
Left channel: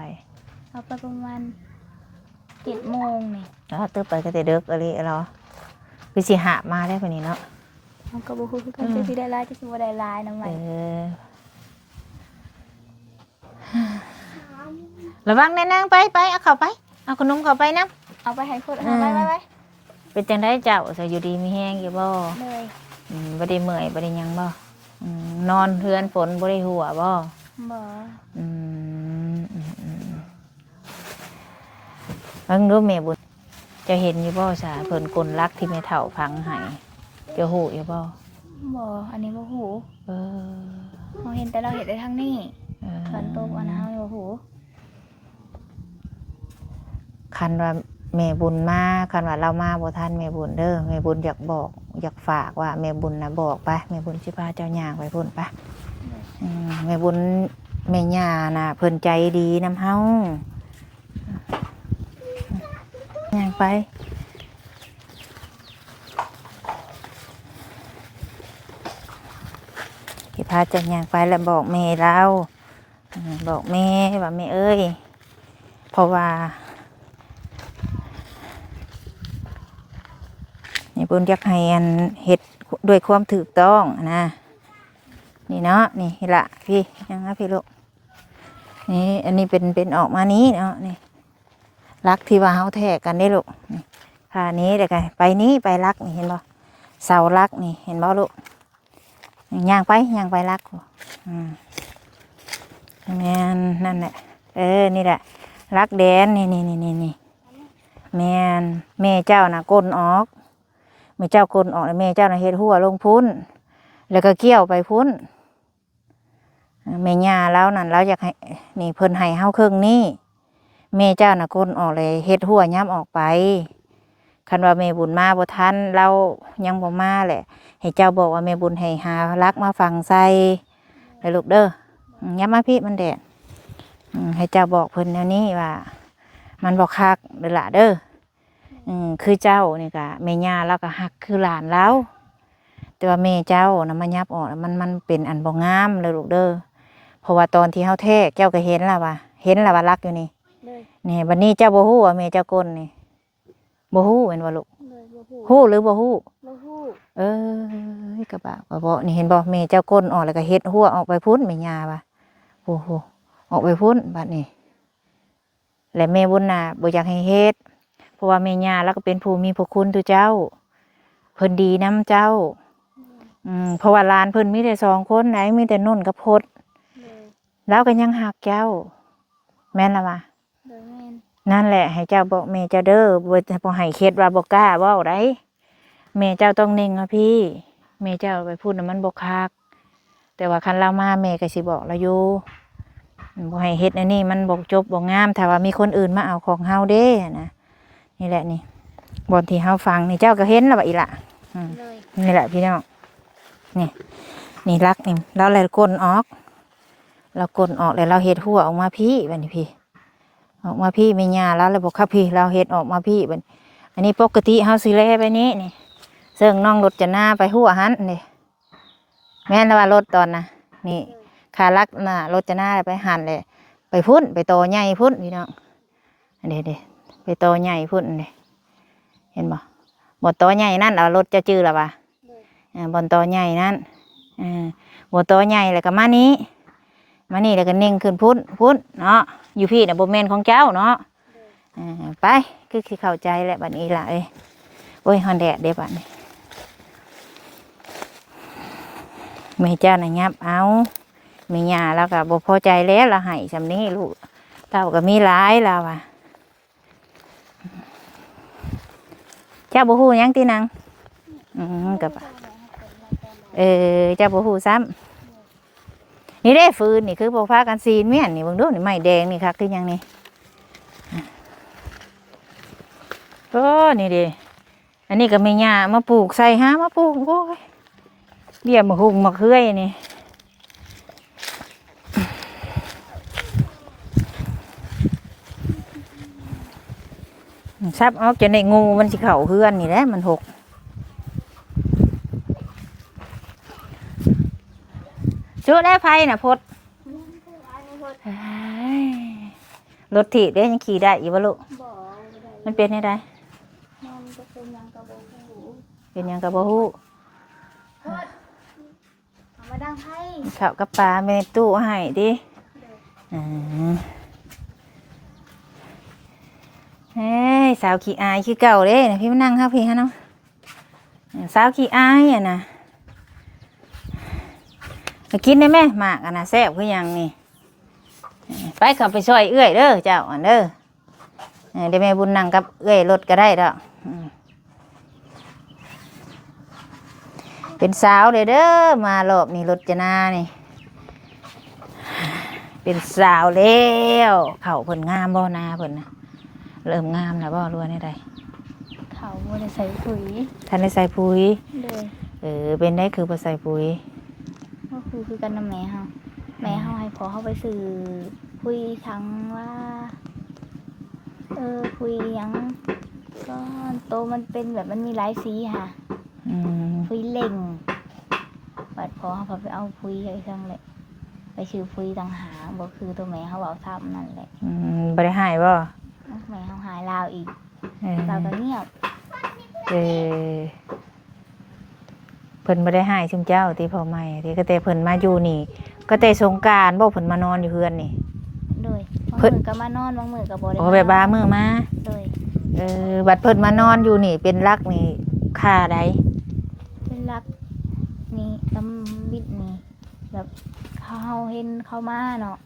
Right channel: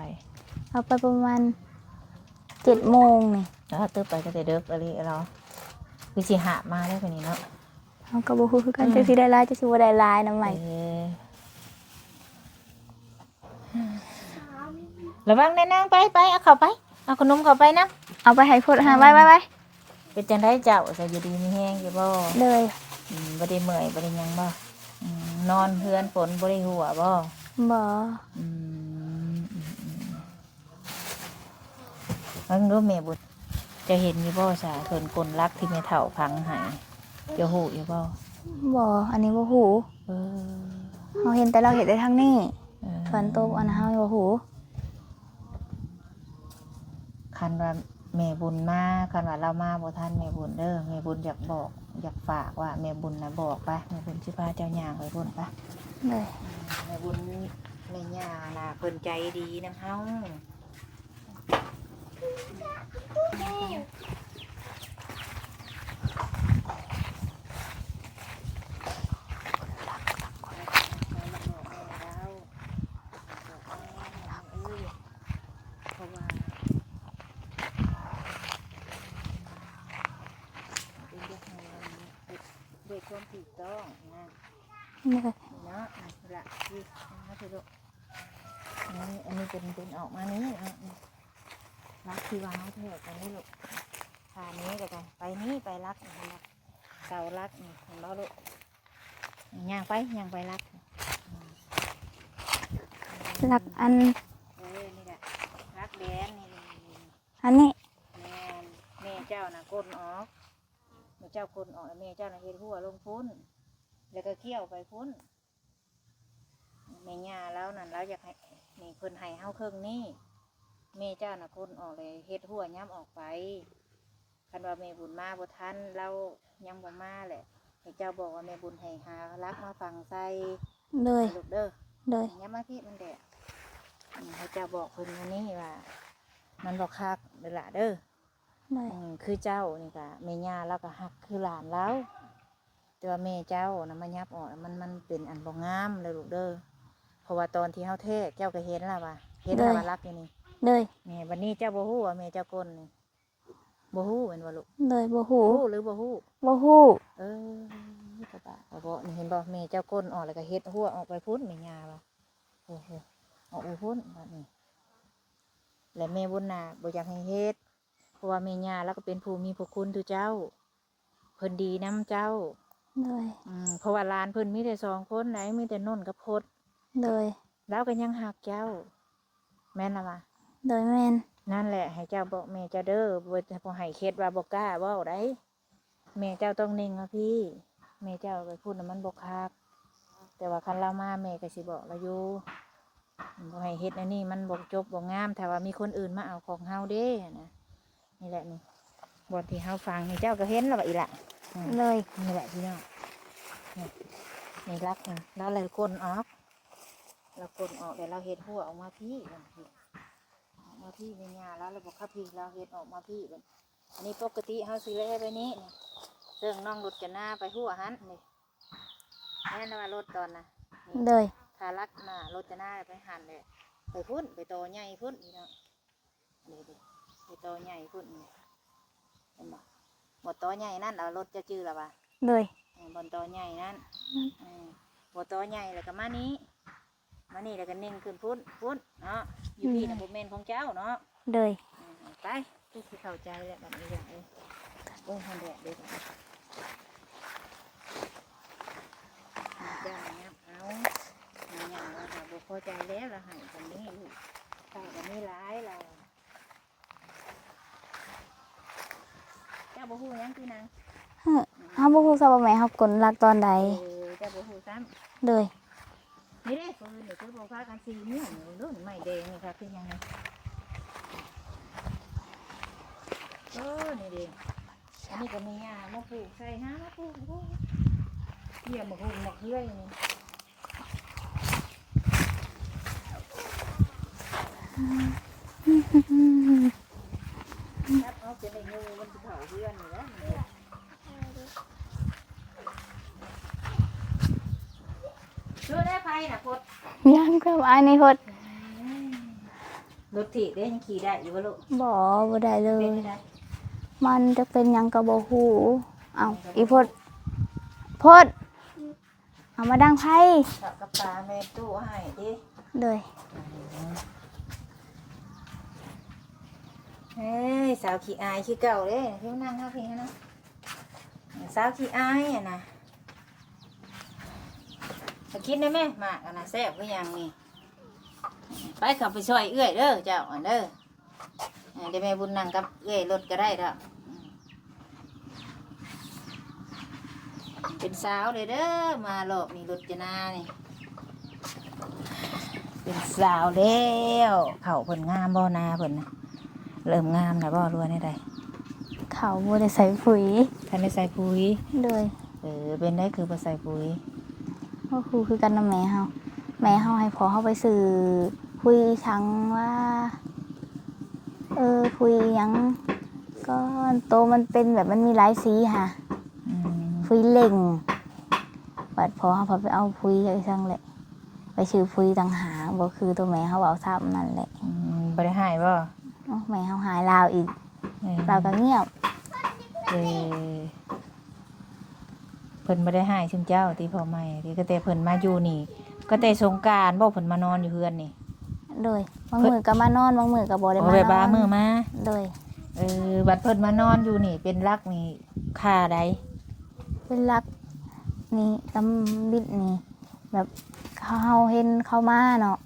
เอาไปประมาณ7 โมงนี่ แล้วตื่นไปก็แต่ดึกอะไรเหรอคือสิหามาได้คนนี้เนาะ เฮาก็บ่ฮู้คือกันจักสิได้หลายจักสิบ่ได้หลายนำใหม่ ระวังแน่นั่งไปเอาเข้าไปเอาขนมเข้าไปนะ เอาไปให้พดหาไว้ เป็นจังได้เจ้าใส่อยู่ดีมีแห้งอยู่บ่ เลย บ่ได้เมื่อยบ่ได้หยังบ่นอนเฮือนฝนบ่ได้หัวบ่ บ่ เพิ่งรู้แม่บุญจะเห็นอยู่บ่ซะเพิ่นคนรักที่แม่เฒ่าพังให้จะฮู้อยู่บ่ บ่อันนี้บ่ฮู้เฮาเห็นแต่เราเห็นได้ทางนี้ฝนตกอันนั้นเฮาบ่ฮู้ คันว่าแม่บุญมาคันว่าเรามาบ่ทันแม่บุญเด้อแม่บุญอยากบอกอยากฝากว่าแม่บุญนะบอกไปแม่บุญสิพาเจ้าย่างไปพุ่นไป เลย แม่บุญแม่ย่าน่ะเพิ่นใจดีนำเฮาย่างไปสิพาเจ้าย่างไปแล้วบอกแม่เราบอกแม่ว่าแม่เอ้ยเพราะว่านี่บุญอยากให้อันเฮ็ดด้วยความถูกต้องนะนี่เนาะนี่ละพี่ยังนะพี่ลูกนี่อันนี้เป็นออกมานี้เนาะนี่รักที่ว่าเฮาแท้กันได้ลูกค่ะนี้เดี๋ยวกันไปนี้ไปรักนี่เห็นบ่เสารักนี่เห็นบ่ลูกย่างไปรักนั่นแหละนี่แหละ รักแดนนี่ อันนี้ แม่นแม่เจ้าน่ะก้นออกแม่เจ้าก้นออกแล้วแม่เจ้าน่ะเฮ็ดหัวลงพุ้นแล้วก็เกี่ยวไปพุ้นแม่ย่าแล้วนั่นเราอยากให้นี่เพิ่นให้เฮาครึ่งนี้แม่เจ้าน่ะก้นออกเลยเฮ็ดหัวย้ำออกไปคันว่าแม่บุญมาบ่ทันเรายังบ่มาแหละให้เจ้าบอกว่าแม่บุญให้หารักมาฝังใส่ เลย ให้ลูกเด้อ เลย ย้ำมาพี่มันแดดให้เจ้าบอกเพิ่นแนวนี้ว่ามันบ่คักเด้อล่ะเด้อคือเจ้านี่ก็แม่ย่าแล้วก็ฮักคือหลานแล้วแต่ว่าแม่เจ้านะมันยับออกมันเป็นอันบ่งามเลยลูกเด้อเพราะว่าตอนที่เฮาแท้เจ้าก็เห็นแล้วว่ารักอยู่นี่ เลย นี่บัดนี้เจ้าบ่ฮู้ว่าแม่เจ้าก้นนี่บ่ฮู้แม่นบ่ลูก เลยบ่ฮู้ ฮู้หรือบ่ฮู้ บ่ฮู้ กระบะบ่นี่เห็นบ่แม่เจ้าก้นออกแล้วก็เฮ็ดหัวออกไปพุ่นแม่ย่าว่ะโอ้โหออกไปพุ่นบัดนี้และแม่บุญน่ะบ่อยากให้เฮ็ดเพราะว่าแม่ย่าแล้วก็เป็นผู้มีพระคุณต่อเจ้าเพิ่นดีนำเจ้า เลย เพราะว่าหลานเพิ่นมีแต่2คนไหนมีแต่นุ่นกับพด เลย แล้วก็ยังหักเจ้าแม่นล่ะวะ เลยแม่น นั่นแหละให้เจ้าบอกแม่เจ้าเด้อบ่ให้เฮ็ดว่าบ่กล้าเว้าได้แม่เจ้าต้องนิ่งนะพี่แม่เจ้าไปพูดน่ะมันบ่คักแต่ว่าคันเรามาแม่ก็สิบอกเราอยู่บ่ให้เฮ็ดอันนี้มันบ่จบบ่งามถ้าว่ามีคนอื่นมาเอาของเฮาเด้นะนี่แหละนี่บ่อนที่เฮาฟังนี่เจ้าก็เห็นแล้วว่าอีหล่ะ เลย นี่แหละพี่น้องนี่รักนี่เราเลยก้นออกเราก้นออกแล้วเราเฮ็ดหัวออกมาพี่บัดนี้พี่ออกมาพี่ไม่ยาแล้วเลยบอกครับพี่เราเฮ็ดออกมาพี่บัดอันนี้ปกติเฮาสิแลไปนี้นี่เสิ่งน้องรถจะหน้าไปหัวหันนี่แม่นแล้วว่ารถตอนน่ะนี่ เลย ขาลักน่ะรถจะหน้าไปหันเลยไปพุ่นไปโตใหญ่พุ่นพี่น้องอันนี้เด้ไปโตใหญ่พุ่นนี่เห็นบ่บ่โตใหญ่นั่นเอารถจะจื้อแล้วว่ะ เลย บนโตใหญ่นั่นบนโตใหญ่แล้วก็มานี้แล้วก็เน่งขึ้นพุ่นเนาะอยู่พี่น่ะบ่แม่นของเจ้าเนาะ เลย ไปคือเข้าใจแหละบัดนี้ล่ะโอ้ยฮอนแดดเด้บัดนี้แม่เจ้าน่ะยับเอาแม่ย่าแล้วก็บ่พอใจแล้วละให้ซำนี้ลูกเต้าก็มีหลายแล้วว่ะเจ้าบ่ฮู้หยังตินาง เฮาบ่ฮู้ซะว่าแม่เฮากลรักตอนใด เจ้าบ่ฮู้ซ้ำ เลย นี่ได้ฟืนนี่คือพวกพากันซีนเมียนนี่เบิ่งดูนี่ไม้แดงนี่คักคือหยังนี่โอ้นี่เด้อันนี้ก็แม่ย่ามาปลูกใส่หามาปลูกโอ้ยเบี้ยมะฮุงมะเขือยนี่ซับออกจะได้งูมันสิเข้าเฮือนนี่แหละมันหกชุดแรกไฟน่ะพด ยังก็อันนี้พด รถถีบได้ยังขี่ได้อยู่บ่ลูก บ่ได้เลย มันเป็นยังไง มันจะเป็นหยังก็บ่ฮู้ เป็นหยังกับบ่ อีพ ฮู้ ดพดเอามาดังไผ ข้าวกับปลาไม่ในตู้ให้ดิ เลย เฮ้ยสาวขี้อายคือเก่าเด้นะพี่มานั่งครับพี่ฮะน้องสาวขี้อายอ่ะนะไปกินได้ไหมหมากอ่ะนะแซ่บคือหยังนี่ไปขับไปช่วยเอื้อยเด้อเจ้าอันเด้อเดี๋ยวแม่บุญนั่งกับเอื้อยรถก็ได้ดอกเป็นสาวเลยเด้อมารอบนี้รถจะนานี่เป็นสาวแล้วเขาเพิ่นงามบ่นาเพิ่นนะเริ่มงามนะบ่รู้ได้ใด เขาบ่ได้ใส่ปุ๋ย ท่านได้ใส่ปุ๋ย เลย เป็นได้คือบ่ใส่ปุ๋ย ก็คือกันนำแม่เฮาให้พอเฮาไปซื้อคุยทั้งว่าคุยหยังก็โตมันเป็นแบบมันมีหลายสีค่ะคุยเล่งบัดพอเฮาพอไปเอาคุยไอ้ซั่งแหละไปซื้อคุยต่างหากบ่คือตัวแม่เฮาเอาซ้ำนั่นแหละ บ่ได้หายบ่ แม่เฮาหายลาวอีกลาวก็เงียบ เพิ่นบ่ได้หายซุมเจ้าที่พ่อใหม่ที่ก็แต่เพิ่นมาอยู่นี่ก็แต่สงกรานต์บ่เพิ่นมานอนอยู่เฮือนนี่ โดยบางมื้อก็มานอนบางมื้อก็บ่ได้ โอ้ มา แบบบามื้อมา โดย บัดเพิ่นมานอนอยู่นี่เป็นรักนี่ค่าใด เป็นรักนี่ตำบิดนี่แบบเขาเห็นเขามาเนาะ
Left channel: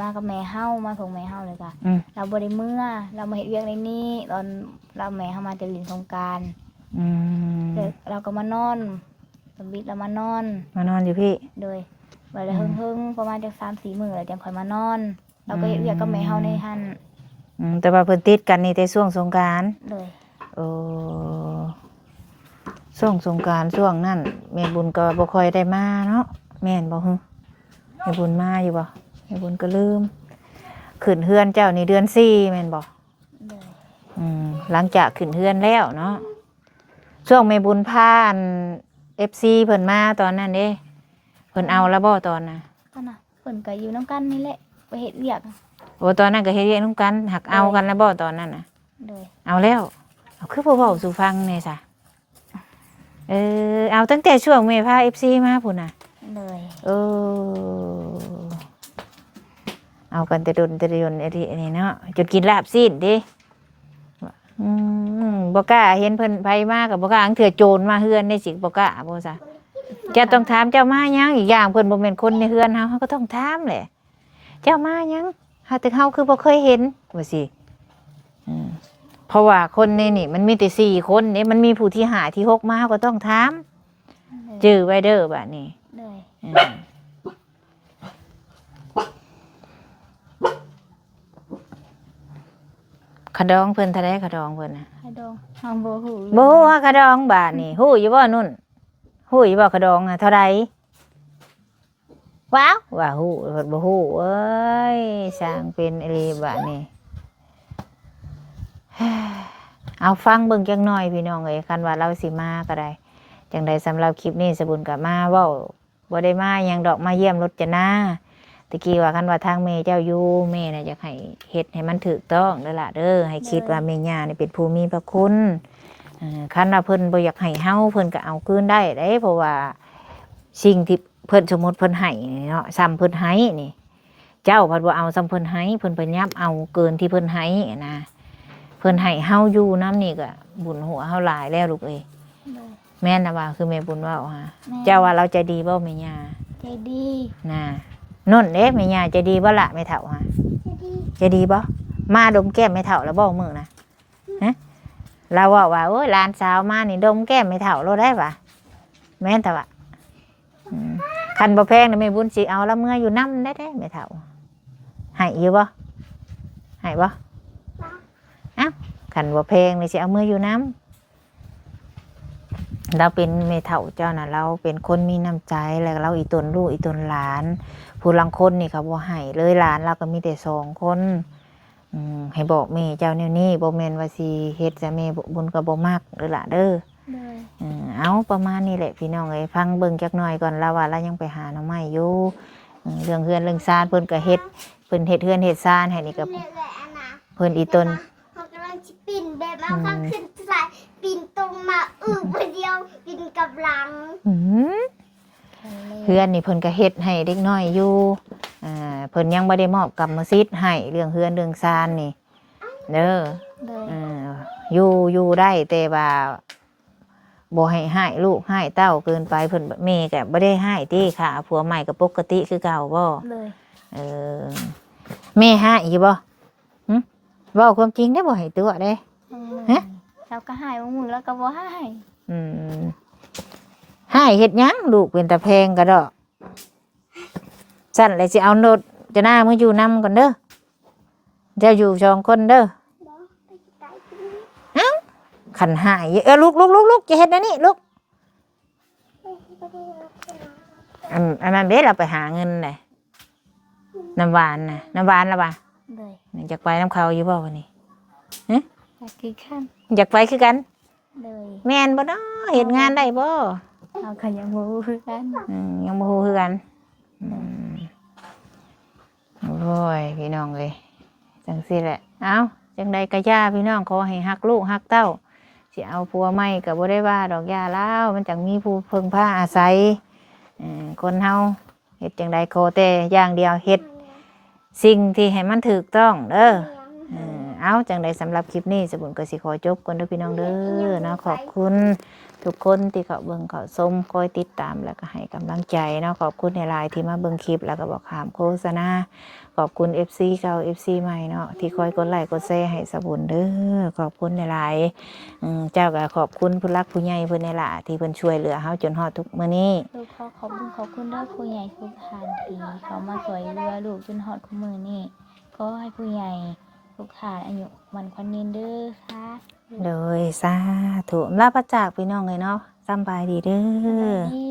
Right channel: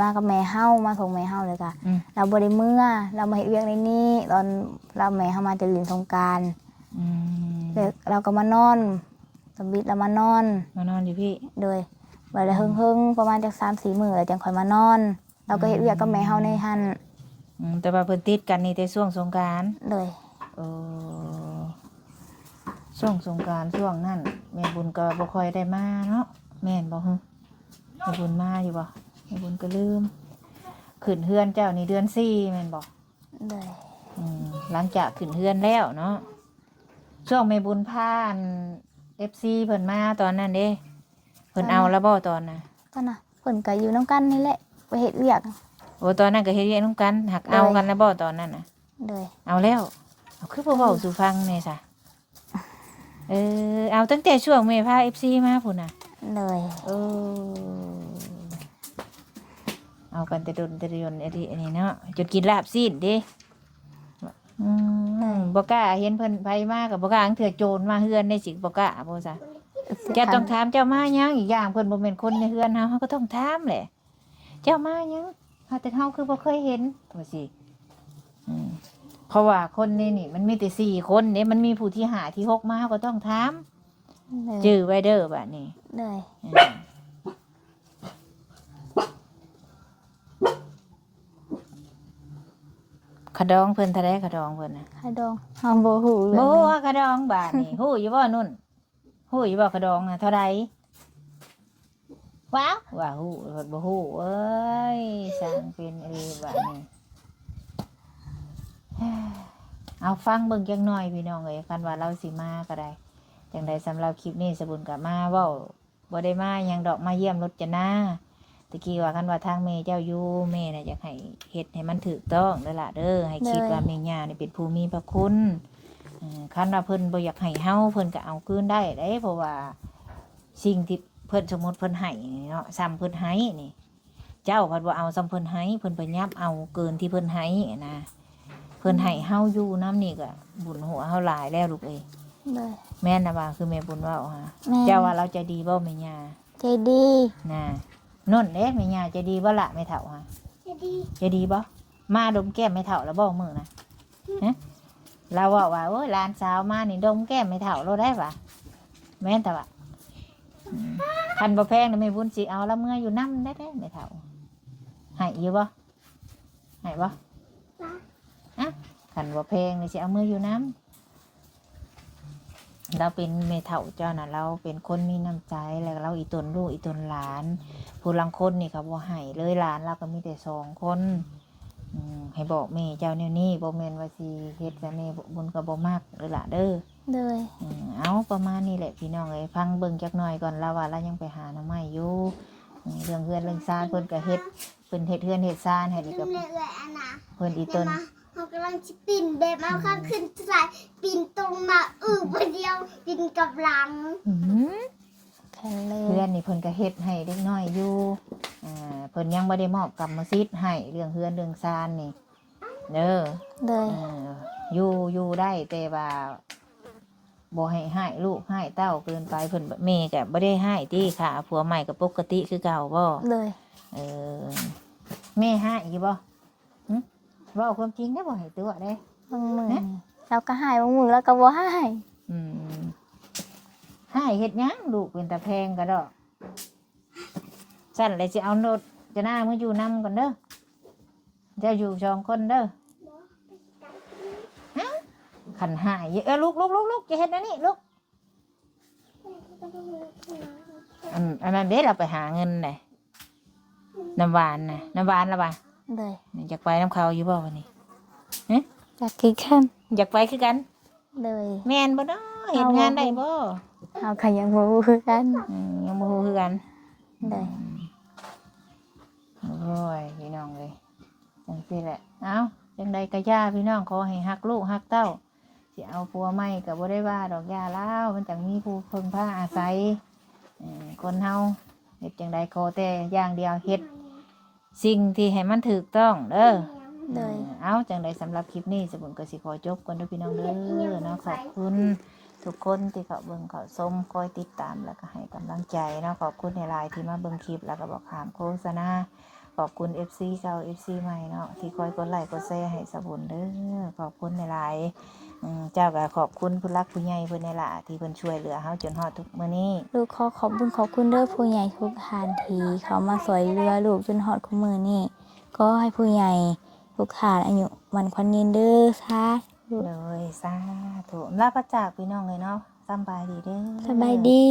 มากับแม่เฮามาส่งแม่เฮาเลยค่ะ อืม เราบ่ได้เมื่อเรามาเฮ็ดเวียกในนี้ตอนเราแม่เฮามาจะลินสงกรานต์ อืม เราก็มานอนสมบิดเรามานอน มานอนอยู่พี่ โดยวันละเฮิงๆประมาณจัก3-4 มื้อแล้วจังค่อยมานอน เราก็เฮ็ดเวียกกับแม่เฮาในหั่น แต่ว่าเพิ่นติดกันนี่แต่ช่วงสงกรานต์ โดย โอ้ช่วงสงกรานต์ช่วงนั้นแม่บุญก็บ่ค่อยได้มาเนาะแม่นบ่ฮึแม่บุญมาอยู่บ่แม่บุญก็ลืมขึ้นเฮือนเจ้านี่เดือน4แม่นบ่ โดย หลังจากขึ้นเฮือนแล้วเนาะช่วงแม่บุญพาอัน FC เพิ่นมาตอนนั้นเด้เพิ่นเอาแล้วบ่ตอนน่ะ ก็นะเพิ่นก็อยู่นํกันนี่แหละไปเฮ็ดเวียก โอ้ตอนนั้นก็เฮ็ดเวียกนำกันหักเอากันแล้วบ่ตอนนั้นน่ะ โดย เอาแล้วเอาคือบ่เว้าสู่ฟังแน่ซะเอาตั้งแต่ช่วงแม่พา FC มาพุ่นน่ะ โดย เออเอากันแต่ดนแต่ดนไอ้ที่นี่เนาะจุดกินลาบซีดดิบ่กล้าเห็นเพิ่นไผมากับบ่กล้าอังเถื่อโจรมาเฮือนได้สิบ่กล้าบ่ซะเจ้าต้องถามเจ้ามายังอีกอย่างเพิ่นบ่แม่นคนในเฮือนเฮาก็ต้องถามแหละเจ้ามายังหาแต่เฮาคือบ่เคยเห็นว่าสิเพราะว่าคนในนี่มันมีแต่4คนเด้มันมีผู้ที่5ที่6มาเฮาก็ต้องถามจื้อไว้เด้อบัดนี้ โดย ขะดองเพิ่นเท่าใดขะดองเพิ่นน่ะ ไข่ดองเฮาบ่ฮู้เลย บ่ฮู้ว่าขะดองบาทนี่ฮู้อยู่บ่นุ่นฮู้อยู่บ่ขะดองน่ะเท่าใดว้าวว่าฮู้เพิ่นบ่ฮู้เอ้ยสร้างเป็นอีหลีบาดนี้ เอาฟังเบิ่งจักหน่อยพี่น้องเอ้ยคันว่าเราสิมาก็ได้จังใดสำหรับคลิปนี้สบุญก็มาเว้าบ่ได้มาหยังดอกมาเยี่ยมรถจะนาตะกี้ว่าคันว่าทางแม่เจ้าอยู่แม่น่ะอยากให้เฮ็ดให้มันถูกต้องเด้อล่ะเด้อให้คิดว่าแม่ย่านี่เป็นผู้มีพระคุณคันว่าเพิ่นบ่อยากให้เฮาเพิ่นก็เอาคืนได้เด้เพราะว่าสิ่งที่เพิ่นสมมุติเพิ่นให้เนาะซ้ำเพิ่นให้นี่ เจ้าเพิ่นบ่เอาซ้ำเพิ่นให้เพิ่นพยายามเอาเกินที่เพิ่นให้นะเพิ่นให้เฮาอยู่นำนี่ก็บุญหัวเฮาหลายแล้วลูกเอ้ย โดย แม่นน่ะว่าคือแม่บุญเว้าฮะ แม่ เจ้าว่าเราใจดีบ่แม่ย่า ใจดี น่ะนุ่นเด้แม่ย่าใจดีบ่ล่ะแม่เฒ่าฮะ จะดี ใจดีบ่มาดมแก้มแม่เฒ่าแล้วบ่มื้อนะฮะเราว่าโอ้ยหลานสาวมานี่ดมแก้มแม่เฒ่าโลดได้ปะแม่นแต่ว่าคันบ่แพงนี่แม่บุญสิเอาละเมื่ออยู่นำได้แม่เฒ่าให้อยู่บ่ให้บ่อ้าวคันบ่แพงนี่สิเอามืออยู่นำเราเป็นแม่เฒ่าเจ้าน่ะเราเป็นคนมีน้ำใจแล้วเราอีตนลูกอีตนหลานผู้ลังคนนี่เขาบ่ให้เลยหลานเราก็มีแต่2คนให้บอกแม่เจ้าแนวนี้บ่แม่นว่าสิเฮ็ดจะแม่บุญก็บ่มักเด้อล่ะเด้อ โดย เอาประมาณนี้แหละพี่น้องเอ้ยฟังเบิ่งจักหน่อยก่อนเราว่าเรายังไปหาหน่อไม้อยู่เรื่องเฮือนเรื่องซานเพิ่นก็เฮ็ดเพิ่นเฮ็ดเฮือนเฮ็ดซานให้นี่ก็ แม่เลยอันน่ะ เพิ่นอีตน เขากำลังจะปีนแบบเอาข้างขึ้นสายปีนตรงมาคนเดียวปีนกับหลัง หืม ทะเล เฮือนนี่เพิ่นก็เฮ็ดให้เด็กน้อยอยู่เพิ่นยังบ่ได้มอบกรรมสิทธิ์ให้เรื่องเฮือนเรื่องซานนี่เด้อ โดย อยู่ได้แต่ว่าบ่ให้ให้ลูกให้เต้าเกินไปเพิ่นแม่ก็บ่ได้ให้ติค่ะผัวใหม่ก็ปกติคือเก่าบ่ โดย แม่ให้อยู่บ่หึเว้าความจริงได้บ่ให้ตัวเด้ บางมื้อ ฮะ เราก็ให้บางมื้อแล้วก็บ่ให้ ให้เฮ็ดหยังลูกเป็นตาแพงก็ดอกสั่นเลยสิเอาโนดจะหน้ามึงอยู่นำก่อนเด้อเจ้าอยู่2คนเด้อเอ้าขันหายลูกจะเฮ็ดอันนี้ลูกอันนั้นเด้เราไปหาเงินน่ะน้ำหวานน่ะน้ำหวานละบ่ะ โดย อยากไปน้ำเขาอยู่บ่วันนี้ จากกี่ขั้น อยากไปคือกัน โดย แม่นบ่เนาะเฮ็ดงานได้บ่ เอาขยังบ่ฮู้คือกัน ยังบ่ฮู้คือกัน โดย โอ้ยพี่น้องเอ้ยจังซี่แหละเอ้าจังใดก็ย่าพี่น้องขอให้ฮักลูกฮักเต้าสิเอาผัวใหม่ก็บ่ได้ว่าดอกย่าแล้วมันจังมีผู้เพิ่งพาอาศัยคนเฮาเฮ็ดจังใดขอแต่อย่างเดียวเฮ็ดสิ่งที่ให้มันถูกต้องเด้อ โดย เอ เอาจังใดสำหรับคลิปนี้สบุญก็สิขอจบก่อนเด้อพี่น้องเด้อเนาะขอบคุณทุกคนที่เขาเบิ่งเขาชมคอยติดตามแล้วก็ให้กำลังใจเนาะขอบคุณในไลน์ที่มาเบิ่งคลิปแล้วก็บอกขามโฆษณาขอบคุณ FC เก่า FC ใหม่เนาะที่คอยกดไลค์กดแชร์ให้สบุญเด้อขอบคุณในไลน์เจ้าก็ขอบคุณผู้รักผู้ใหญ่เพิ่นในล่ะที่เพิ่นช่วยเหลือเฮาจนฮอดทุกมื้อนี้ ลูกขอบคุณเด้อผู้ใหญ่ทุกท่านที่เขามาสวยเรือลูกจนฮอดคุมือนี่ก็ให้ผู้ใหญ่ทุกท่านอายุมันควันยืนเด้อค่ะ เลยสาธุลาพระจากพี่น้องเลยเนาะสำบายดีเด้อ สบายดี